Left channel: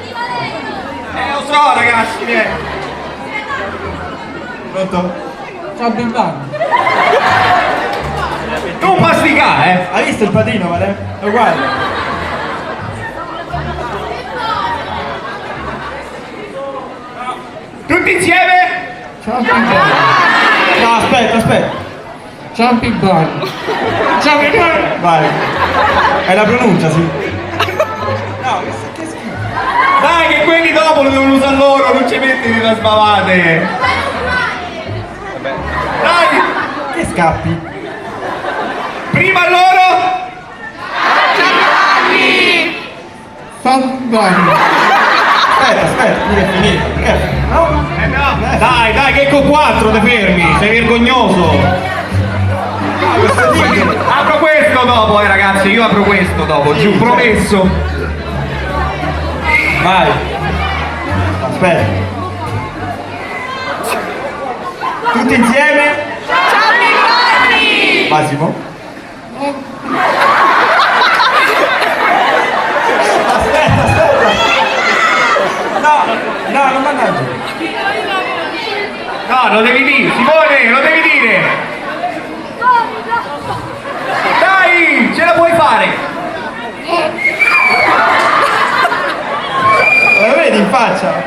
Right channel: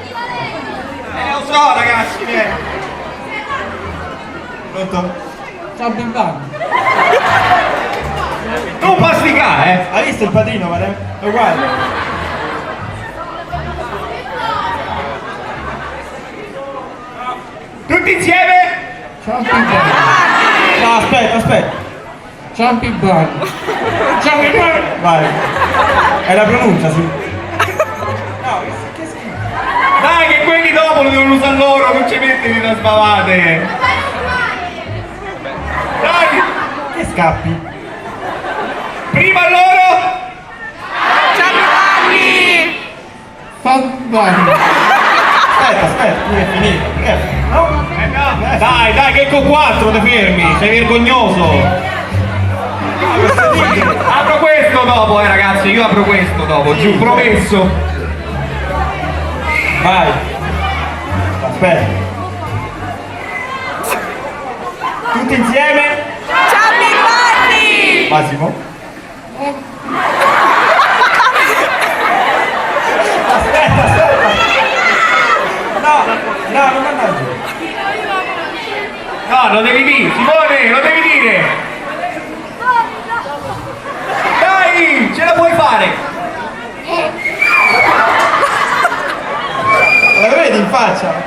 Lo so ragazzi, vieni. Pronto? Ciao Big Bang. Non pasticare, Hai visto il patino, vale? È uguale. Tutti insieme? Ciao Big Bang. No, aspetta. Ciao Big Bang. Ciao Big Bang. Vai. È la pronuncia, sì. No, che schifo. Dai che quelli dopo lo devono usare loro, non ci metti da sbavate. Dai, Che scappi? prima loro. Ciao Big Bang. Aspetta, non è finito. No? No. Dai, che con 4 ti fermi, sei vergognoso. Apro questo dopo, ragazzi, io apro questo dopo, giù, promesso. Vai. Aspetta. Tutti insieme? Ciao Pirrani! Massimo? Aspetta. No, non mannaggia. No, lo devi dire, Simone, lo devi dire.